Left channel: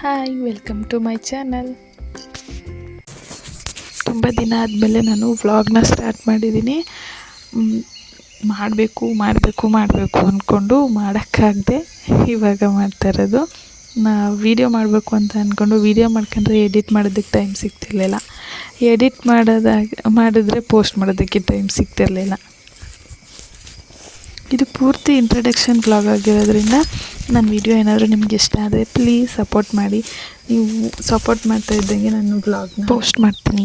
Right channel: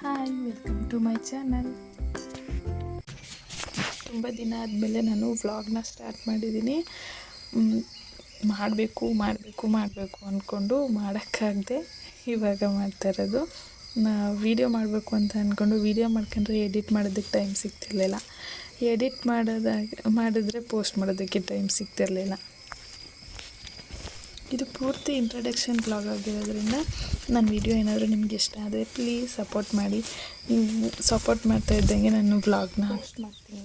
Hi welcome to my channel ತುಂಬ ದಿನ ಆದಮೇಲೆ ನಾನು ವ್ಲಾಗ್ನ ಸ್ಟಾರ್ಟ್ ಮಾಡಿದ್ದೀನಿ ಮಾಡಬೇಕು ಮಾಡಬೇಕು ಮಾಡಬೇಕು ಅಂದ್ಕೊಂಡು ಮಾಡೋಕ್ಕಾಗದೆ ಇವಾಗ ಮಾಡ್ತಾ ಇರೋದು. ನಾ ವೀಡಿಯೋ ಮಾಡಬೇಕು ಅಂತ ಅಂದ್ಕೊಂಡು ವೀಡಿಯೋ ಮಾಡ್ಕೊಂಡ್ರೆ ಎಡಿಟ್ ಮಾಡೋದಕ್ಕೆ ಟೈಮ್ ಸಿಗ್ತಿರ್ಲಿಲ್ಲ. ಎಡಿಟ್ ಮಾಡೋದಾಗ, ಮಾಡಿದ್ರೆ ಪೋಸ್ಟ್ ಮಾಡೋದಕ್ಕೆ ಟೈಮ್ ಸಿಗ್ತಿರಲಿಲ್ಲ. ಇದು ಪೂರ್ತಿ ಇಂಟ್ರಡಕ್ಷನ್ ಬ್ಲಾಗ್ ಆಗಿರೋದ್ರಿಂದ ನನ್ನ ವಿಡಿಯೋ ಏನಾದರೂ ನಿಮ್ಗೆ ಇಷ್ಟ ಆದರೆ ಪ್ಲೀಸ್ ಸಪೋರ್ಟ್ ಮಾಡಿ. ನೀವು ಸಪೋರ್ಟ್ ಮಾಡ್ತಾ ಇದ್ದಂಗೆ ನಾನು ಬ್ಲಾಗ್ನ ಪೋಸ್ಟ್ ಮಾಡ್ತೀನಿ.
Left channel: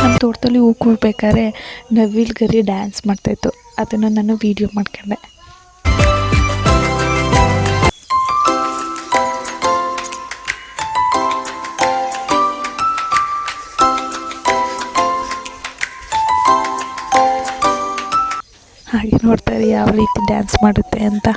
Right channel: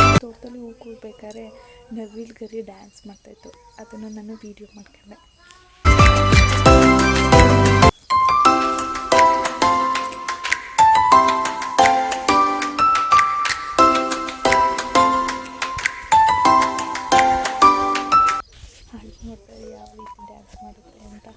ನಮ್ಮ ತೋಟದಲ್ಲಿ ಹೂ ಕೂಡ್ಬೇಕಾದ್ರೆ ನವಿಲ್ ಗರಿ ಡ್ಯಾನ್ಸ್ ಮಾಡ್ತಾಯಿತ್ತು ಅದನ್ನು ನಾನು ವೀಡಿಯೋ ಮಾಡ್ಕೊಂಡೆ. ಹಾಗೆ ನೋಡ್ತಾರೆ ಯಾವ ರೀತಿ ಡ್ಯಾನ್ಸ್ ಮಾಡುತ್ತೆ ಅಂತ.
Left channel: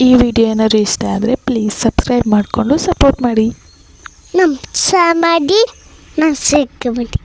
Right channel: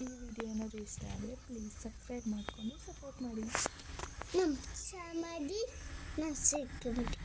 ಈ ವಿಡಿಯೋ ಏನಾದ್ರು ಇಷ್ಟ ಆದರೆ ಪ್ಲೀಸ್ ಸಬ್ಸ್ಕ್ರೈಬ್ ಮಾಡಿಕೊಂಡು ಸಪೋರ್ಟ್ ಮಾಡಿ. ನಮ್ಮ ಮಾಡಿ ನಾನು ಸಿಕ್ಕಬಿಟ್ಟು